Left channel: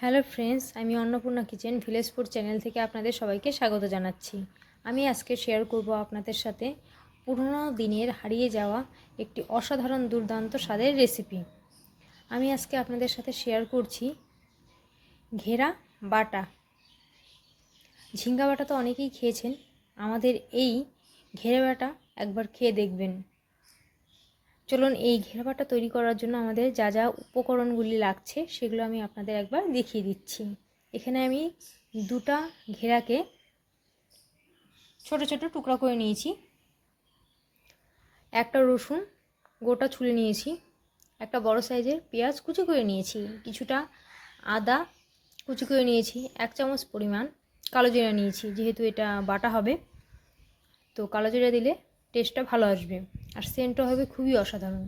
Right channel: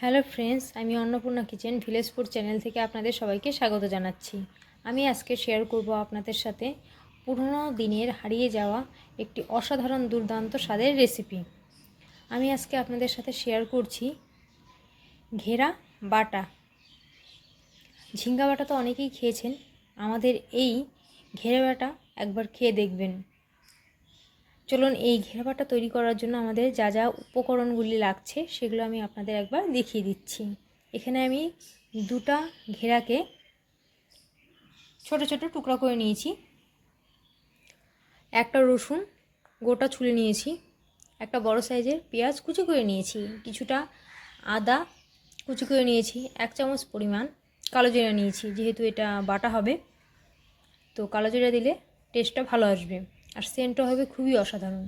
Hello friends, আমি Annapurna kitchen village food channel থেকে আপনাদের সবাইকে স্বাগত জানাচ্ছি। আমি আজকে শেয়ার করব আপনাদের সাথে পুরনো দিনের হারিয়ে যাওয়া একটি অসাধারণ দুর্দান্ত স্বাদের রেসিপি। আমি আজকে আপনাদের সাথে শেয়ার করছি ঘেরা বাটা। ঝিঙ্গা বাটা তো অনেকেই খেয়েছেন, আমাদের এই ঘেরা বাটা একবার খেয়ে দেখবেন। চলুন এই ঘেরা বাটা তৈরি করার জন্য আমাদের যা যা উপকরণগুলি লাগছে সেগুলো আমি আপনাদের একবার দেখিয়ে দিচ্ছি। এখানে আমি দুটা ঘেরাকে ছোট ছোট টুকরা করে নিয়েছি, একটা রসুন গোটা ছুলে নিয়েছি, একটা বড় সাইজের পেঁয়াজ কুচি করে নিয়েছি, কিছুটা আদা কুচি করে নিয়েছি, 1 চামচ পরিমাণ কালো জিরা নিয়েছি। যেহেতু এটা বাটা হবে তো কালো জিরা দিলে টেস্টটা ভালো আসবে আর সেন্টও হবে খুবই অসাধারণ।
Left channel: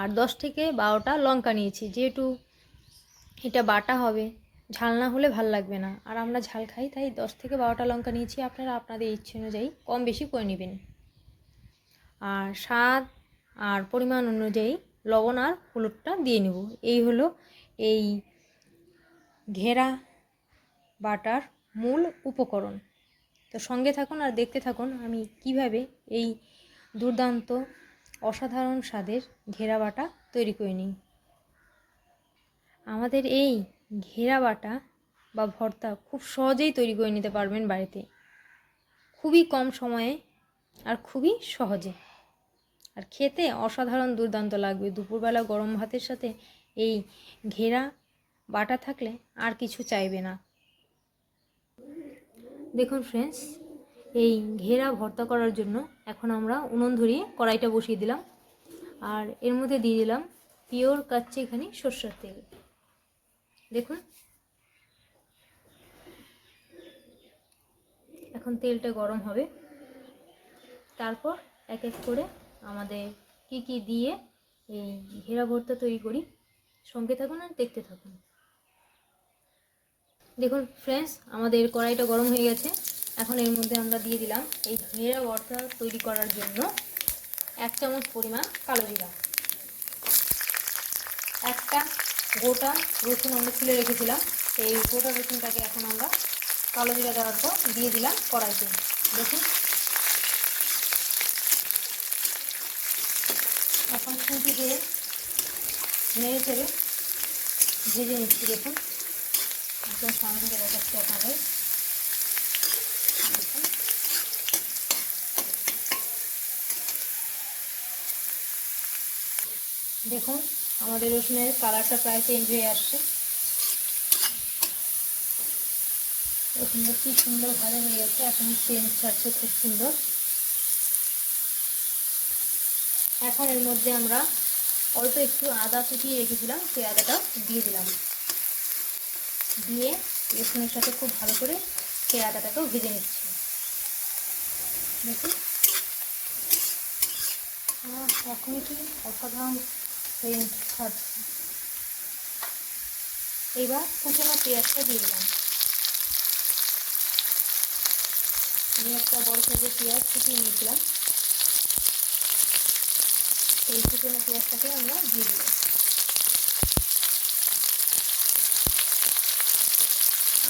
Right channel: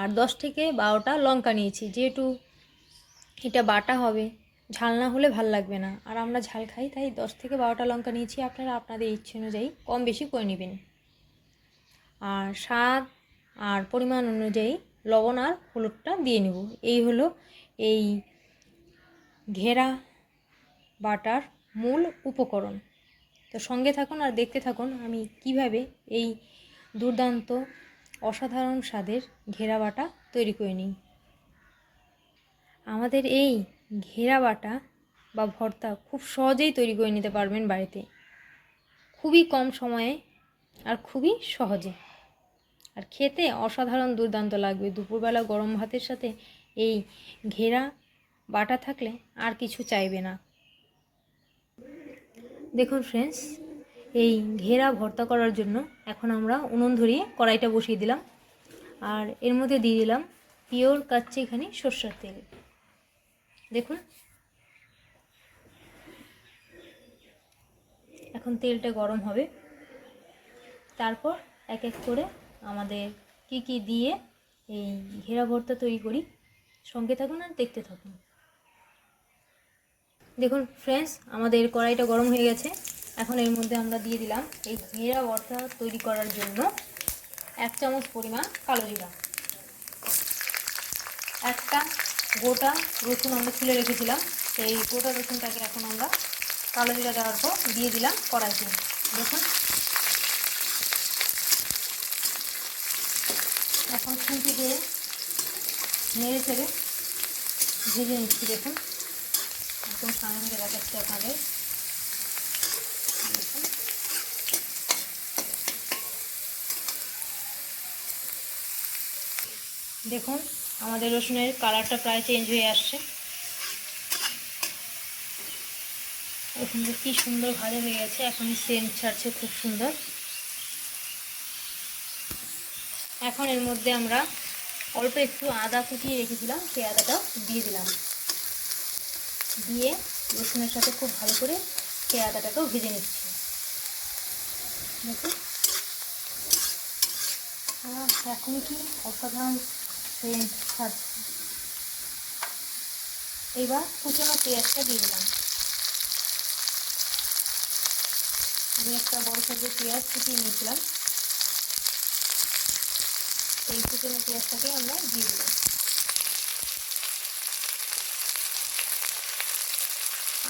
আর 10 থেকে 12টা লঙ্কা নিয়েছি, যেহেতু এটা বাটা হবে ঝাল না হলে ভাল লাগবে না, আর আমরা ঝাল খাই তাই 10 থেকে 12টা লঙ্কা নিয়েছি। আপনারা আপনাদের ইচ্ছে অনুযায়ী কম বেশি করে নেবেন। আর স্বাদ আর পরিমাণ অনুযায়ী লবণ আর হলুদটা দিয়ে নেব। এই হলো এই ঘেরা বাটার মূল উপকরণ। তো সঙ্গে থাকুন আর দেখতে থাকুন আমি কিভাবে এই দুর্দান্ত অসাধারণ স্বাদের ঘেরা বাটা তৈরি করে নিই। আমাদের এই ঘেরা বাটা বা ভর্তা খুব সহজেই তৈরি করে নিতে পারবেন বাড়িতে, খুবই কম সময়ে আর খুবই সহজে, আর খেতে অসাধারণ দুর্দান্ত লাগবে। দুপুরবেলা গরম ভাতের সাথে এই ঘেরা বাটা থাকলে আর কিছু চাইবে না। দেখুন ফ্রেন্ডস, এই ঘেরা ভর্তা করার জন্য এখন আমরা উনুন ধরিয়ে কড়াইটা বসিয়ে দিলাম, আর এর মধ্যে দিয়ে দিলাম পিওর কাচ্চিখানি সরষের তেল। দেখুন এখন তেলটা গরম হবে, তারপর এক এক করে আমাদের কি কি দিয়ে এই ঘেরা ভর্তা তৈরি করি। সঙ্গে থাকুন আর দেখতে থাকুন। দেখুন ফ্রেন্ডস, আমাদের কড়াইটা গরম হয়ে গেছে। এখন এর মধ্যে আমরা দিয়ে দিলাম এই ঘেরা ভর্তা তৈরি করার জন্য 1 চামচ পরিমাণ কালো জিরা, একটা গোটা রসুন আমরা ছুলে রেখেছিলাম, সেই গোটা রসুনটাকে এখন আমরা কালো জিরা দেওয়ার পর দিয়ে দিলাম কড়াইতে। দেখুন এখন খুঁটি দিয়ে নেড়ে চেড়ে ভেজে নিচ্ছি। দেখুন একদম সামনে থেকে দেখাচ্ছি আপনাদের। দেখুন দেখুন আমাদের রসুনের কালারটা প্রায় চেঞ্জ হয়ে আসছে। রসুনটা কি সুন্দর ভাজা হয়ে গেছে, এখনই সেন্ট ছাড়ছে খুব সুন্দর। এখন এর মধ্যে আমরা অল্প একটু আদা কুচিয়ে রেখেছিলাম, সেই আদাটাও দিয়ে দিলাম। দিয়ে রসুনের সাথে খুব ভালো করে সেই আদাটাকেও ভেজে নিচ্ছি। দেখুন এখনই কি অসাধারণ সেন্ট ছাড়ছে। এবার কুচনো পেঁয়াজটা দিয়ে দিলাম। আমি একটা বড় সাইজের পেঁয়াজ কুচিয়ে নিয়েছিলাম, এই কুচনো পেঁয়াজটাকে আমরা দিয়ে দিলাম।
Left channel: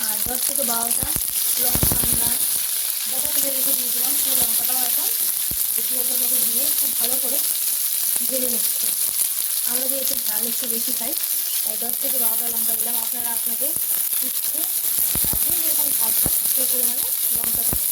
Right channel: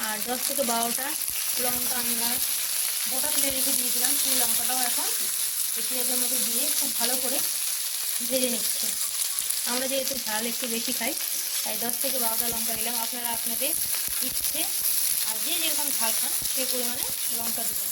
আর 10 থেকে 12টা লঙ্কা আমরা গোটা তুলে রেখে দিয়েছিলাম, সেই লঙ্কাটাও এখন এই পেঁয়াজের মধ্যে দিয়ে খুব ভালো করে ভেজে নিচ্ছে। আমরা যেহেতু ঝাল একটু বেশি খাই তাই 10 থেকে 12টা লঙ্কা দিলাম। আপনারা আপনাদের ইচ্ছে আর যে যেরকম ঝাল খান সেই পরিমাণে লঙ্কা দেবেন।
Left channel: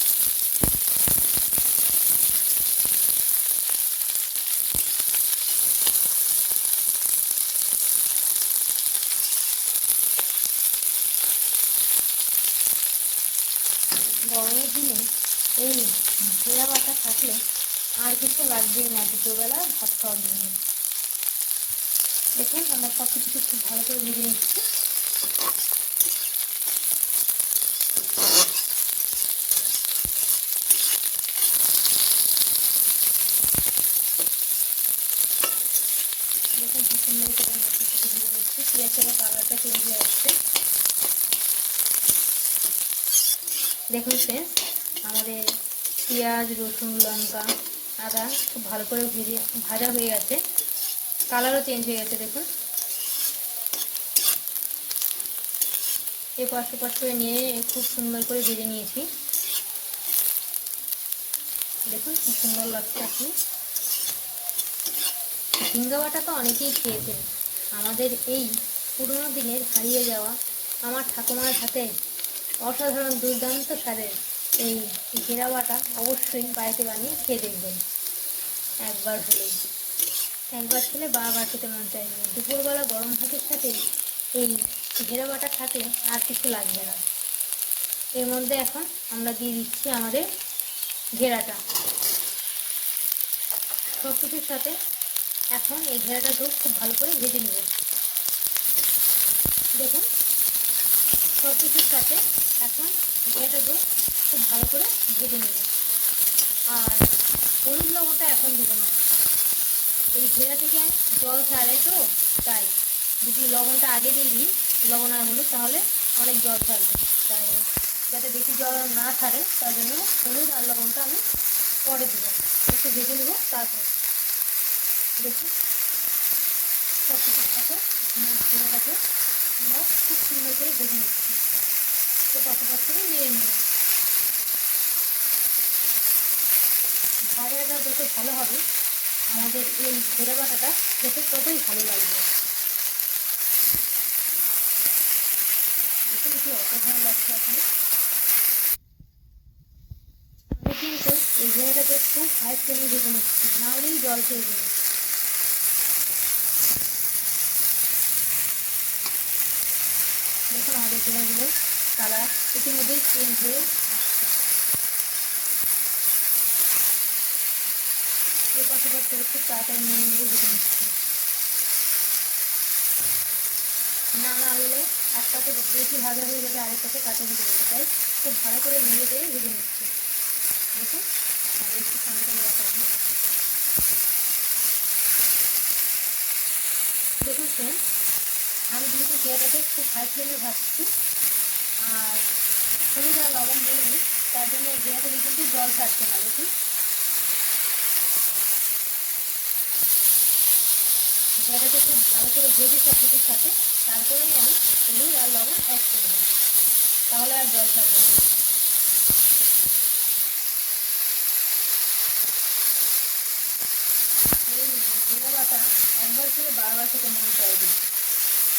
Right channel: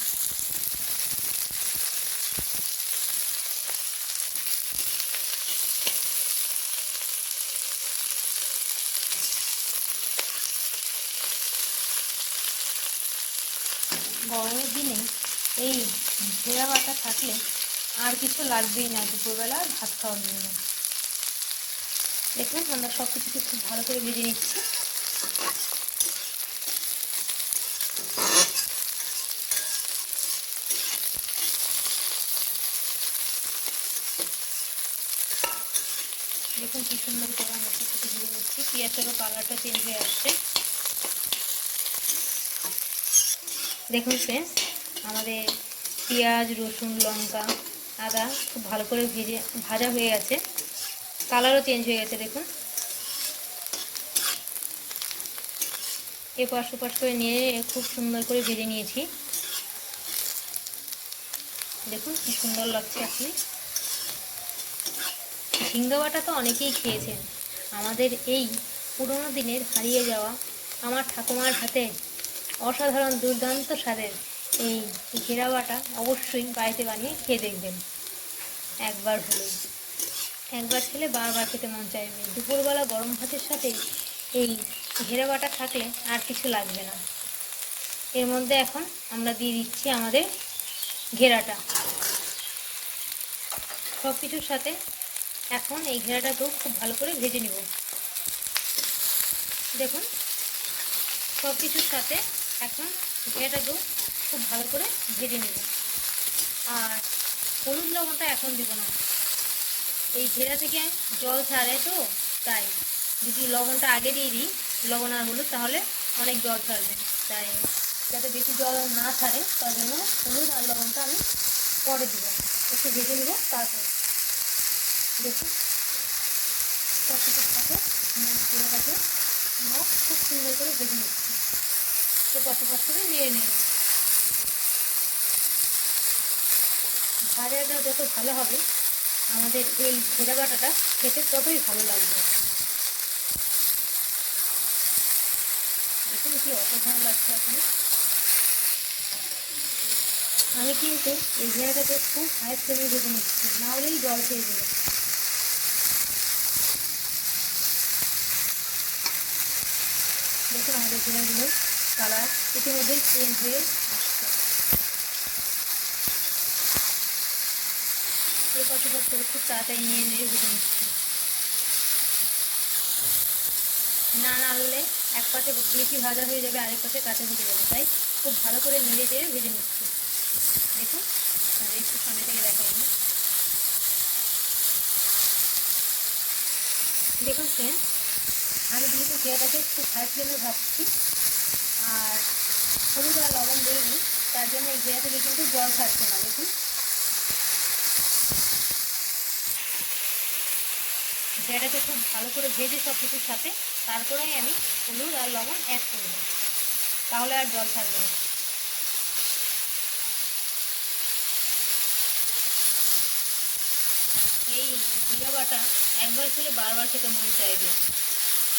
গরমের দিনে এই ঘেরা বাটা থাকলে আর কিছু লাগবেই না দুপুরবেলা ভাত খাওয়ার জন্য। দেখুন আমরা সব কিছুকে খুব ভালো করে ভেজে নিচ্ছি। দেখুন কি সুন্দর করে আমরা সব কিছু ভেজে নিচ্ছি। পেঁয়াজেরও কালারটা চেঞ্জ হয়ে আসছে। দেখুন ফ্রেন্ডস, আমাদের পেঁয়াজ রসুন লঙ্কা আদা খুব ভালো করে ভাজা হয়ে গেছে, কালারও চেঞ্জ হয়ে গেছে। দেখুন এপাশ ওপাশ করে নিয়ে খুব সুন্দর করে ভেজে নিয়েছি। দেখুন কি সুন্দর লাগছে। আপনি ঝিঙ্গা বাটা তো অনেকেই খেয়েছেন। আমাদের এই পুরোনো দিনের হারিয়ে যাওয়া আমার ঠাকুমার হাতে অসাধারণ দুর্দান্ত স্বাদের এই ঘেরা বাটা অবশ্যই বাড়িতে বানিয়ে খেয়ে দেখবেন একবার হলেই। একবার খেলে বারবার খেতে মন চাইবে। দুপুরবেলা গরম ভাতের সাথে এই ঘেরা বাটা থাকলে আর কিছু লাগবে না। এর মধ্যে এখন আমরা দিয়ে দিচ্ছি আমাদের ঘেরাটা। সব কিছুর সাথে এখন এই ঘেরাটাকেও খুব ভালো করে ভেজে নেব। দেখুন সব কিছুর সাথে এখন ঘেরাটাকেও খুব ভালো করে ভেজে নেব। আর হলুদ লবণটা এখন দেবো না, এই ঘেরা থেকে জল ছাড়ে তো, তাই যদি লবণটা আগে দিয়ে দিই লবণ আর হলুদ তাহলে অনেক জল ছাড়বে। তাই যাতে বেশি জল না ছাড়ে তার জন্য হলুদ আর লবণটা আমি পরে দেব, একটু ভেজে নেব। তারপর দেখুন সব কিছুর সাথে ঘেরাটাকে আমরা খুব সুন্দর করে ভেজে নিচ্ছি। তো পাশাপাশি করে নেড়ে নেব। ভাজাটা যত ভালো হবে আমাদের এই ঘেরা বাটাটা খেতে ততই ভালো লাগবে। দেখুন কি অসাধারণ লাগছে। আমি কিন্তু এই ঘেরাটাকে খুব হাই ফ্লেমে ভেজে নিচ্ছি, না হলেই জল খেয়ে দেবে। দেখুন আমাদের ঘেরাগুলো কালার ইতিমধ্যেই চেঞ্জ হয়ে আসছে। এর পাশাপাশি করে খুব তাড়াতাড়ি নিয়ে ভেজে নিচ্ছি। না হলে এক পাশে বেশি ভাজা হয়ে যাবে, আরেক পাশে কাঁচা ভেজে যাবে, তাই খুব ভালো করে নেড়ে চেড়ে ভেজে নিচ্ছি। দেখুন আপনাদের একটু সামনে থেকে দেখাবেন। দেখুন ফ্রেন্ড, আমি যেহেতু ঘেরাটাকে খুব হাই ফ্লেমে ভাজছি আর হলুদ আর লবণ দিইনি, তার জন্য এই ঘেরা থেকে কিন্তু জল ছাড়ছে না। দেখুন ঘেরাটাকে খুব ভালো করে ভেজে সব কিছুর সাথে তারপরেই আমি হলুদ আর লবণ অ্যাড করব, তাহলে আর জল ছাড়বে না। এই ঘেরা বাটা একবার খেলে বারবার খেতে মন চাইবে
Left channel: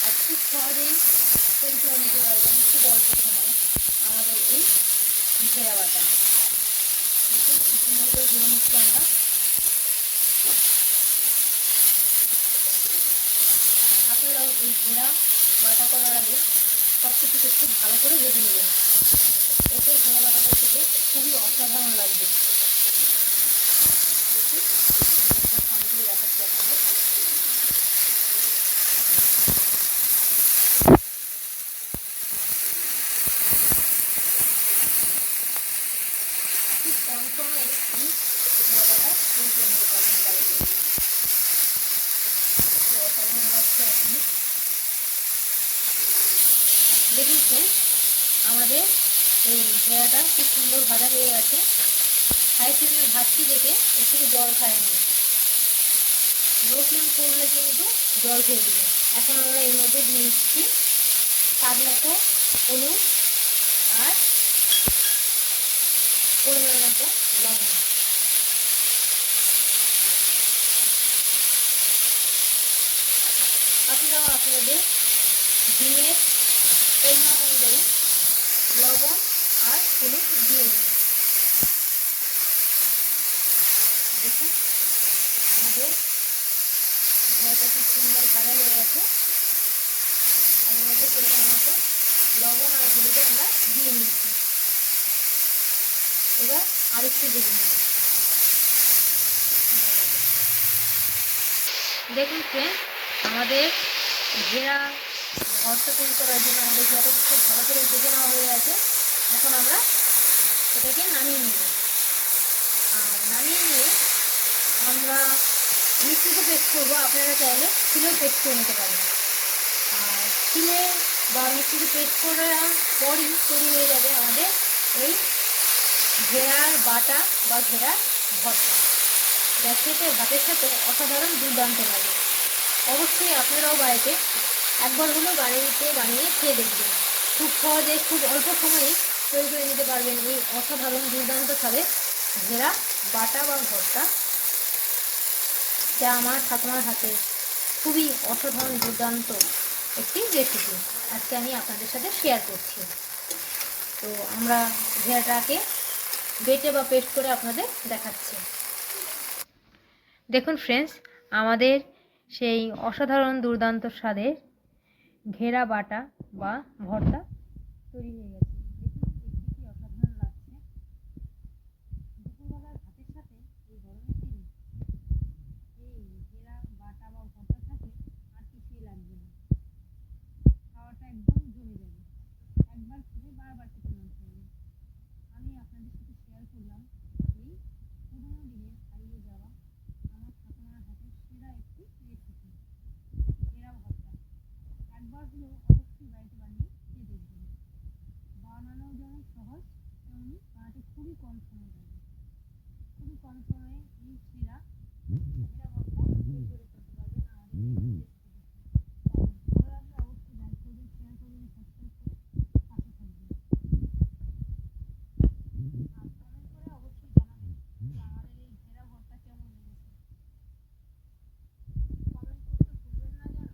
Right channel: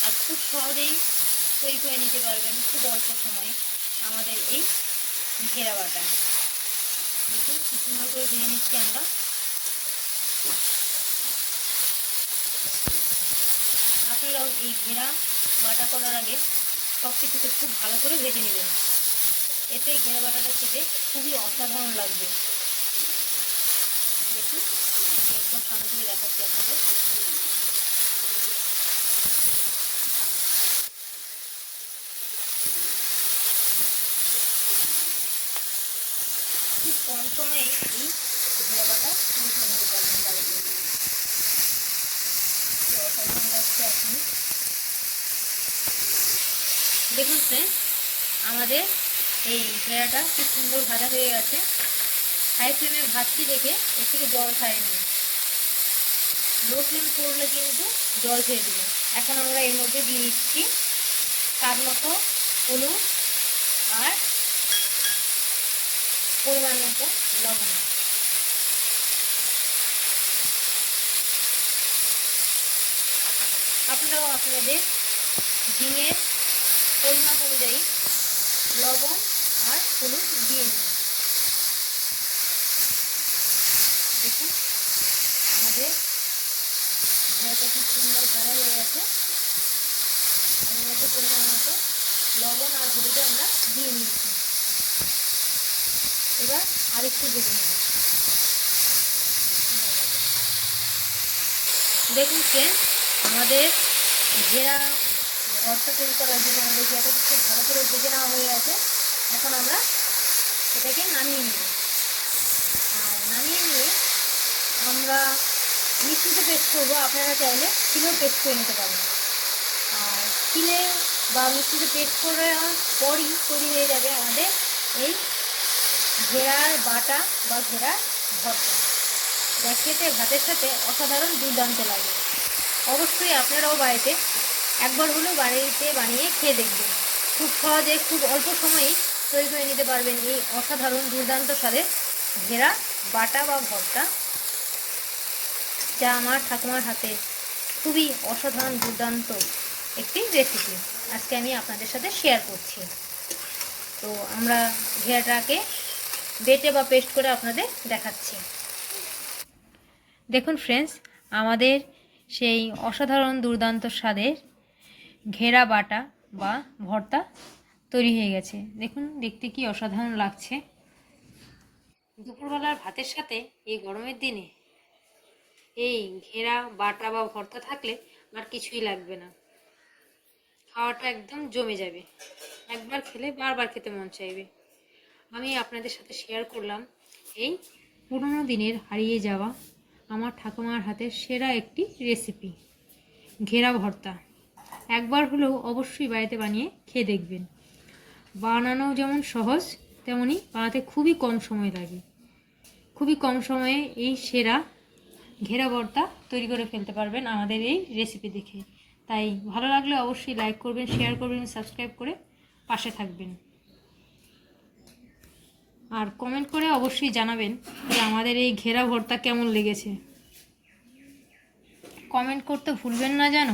আর খুব সহজেই তৈরি করে নিতে পারবেন খুব অল্প সময়ে আমাদের এই ঘেরা বাটা। দেখুন কি সুন্দর করে ভেজে নিচ্ছি আমরা। আপনারাও এই ঘেরা বাটা করার আগে সব কিছুকে খুব ভালো করে ভেজে নেবেন, এতে ঘেরা বাটাটা খেতে খুবই অসাধারণ লাগবে। দেখুন আমি একবার সামনে থেকে দেখাচ্ছি আপনাদের। খুব কম সময়ে এই ঘেরা বাটা তৈরি করে নিতে পারবেন বাড়িতে। অসাধারণ লাগছে এখন। দেখুন ফ্রেন্ড, আমাদের এই ঘেরাটা খুব সুন্দর ভাজা হয়ে গেছে। হাই ফ্লেমে ভাজছি দেখে এর থেকে জল খায়নি, লো ফ্লেম করলে কিন্তু জল খেয়ে দেবে। এখন আমরা এর মধ্যে দিয়ে দিচ্ছি স্বাদ মতো হলুদ আর পরিমাণ মতো লবণ। আপনারাও আপনাদের ঝিঙের পরিমাণ অনুযায়ী লবণ আর হলুদ দিয়ে নিন। দেখুন আমাদের ঘেরাটা খুব সুন্দর ভাজা হয়ে গেছে। এর মধ্যে পরিমাণ মতো লবণ আর হলুদে আমরা দিয়ে নিয়েছি। এবার আরেকটু ভেজে নেব। দেখুন ফ্রেন্ড, আমাদের ঘেরা ভর্তা তৈরি করার জন্য আমাদের ঘেরাটা খুব ভালো করে ভেজে নেওয়া হয়ে গেছে। এখন আমরা এটাকে নামিয়ে নেব। আর নামিয়ে নিয়ে আমরা মিক্সিতে পেস্ট করবো, আপনারা চাইলে শিলেও পেস্ট করে নিতে পারেন। আর শিলে বা মিক্সিতে পেস্ট করার পরই তৈরি হয়ে যাবে আমাদের এই ঘেরার বাটা বা ঘেরার ভর্তা, যা খেতে ভাতের সাথে অসাধারণ দুর্দান্ত লাগে। অবশ্যই আপনারাও বাড়িতে একবার হলেও বাড়িতে বানিয়ে খেয়ে দেখবেন। খুব সহজে খুব অল্প সময়ে তৈরি করে নিতে পারবেন এই অসাধারণ দুর্দান্ত স্বাদের ঘেরা বাটা বা ভর্তা, যা আমার ঠাকুমার হাতে খুবই অসাধারণ দুর্দান্ত একটি রেসিপি আজকে আমি আপনাদের সাথে শেয়ার করছি। তো আমরা ঘেরাটাকে বেটে বা পেস্ট করে আপনাদের দেখাচ্ছি। দেখুন ফ্রেন্ডস, আমাদের সেই অসাধারণ দুর্দান্ত স্বাদের ঘেরা বাটা বা ভর্তা তৈরি হয়ে গেছে। দেখুন দেখতে কি অসাধারণ লাগছে। দুপুরবেলার ভাতের সাথে এই গরমের দিনে এই ঘেরা বাটা বা ভর্তা থাকলে আর কিছুই লাগবে না, খাওয়াটা একদম জমে যাবে। একবার খেলে বারবার খেতে মন চাইবে। আমি আপনাদের সাথে শেয়ার করলাম এই পুরনো দিনের হারিয়ে যাওয়া আমার ঠাকুমার হাতের সেরা একটি রেসিপি ঘেরা ভর্তা। একবার হলেও অবশ্যই বাড়িতে বানিয়ে খেয়ে দেখবেন। বানানো যেমন সহজ, তেমনি বানাতে খুবই কম সময় লাগে। খুবই কম সময়ে এই সেরা ঘেরা ভর্তা তৈরি করে ফেলতে পারবেন আমাদের এই রেসিপি দেখে। তাই ভালো লাগলে অবশ্যই লাইক করবেন, শেয়ার করবেন, সাবস্ক্রাইব করে পাশে থাকবেন। আর কমেন্ট করে অবশ্যই জানাবেন যে আমাদের এই ঘেরা ভর্তা কেমন লেগেছে। কমেন্ট করতে ভুলবেন না যেন।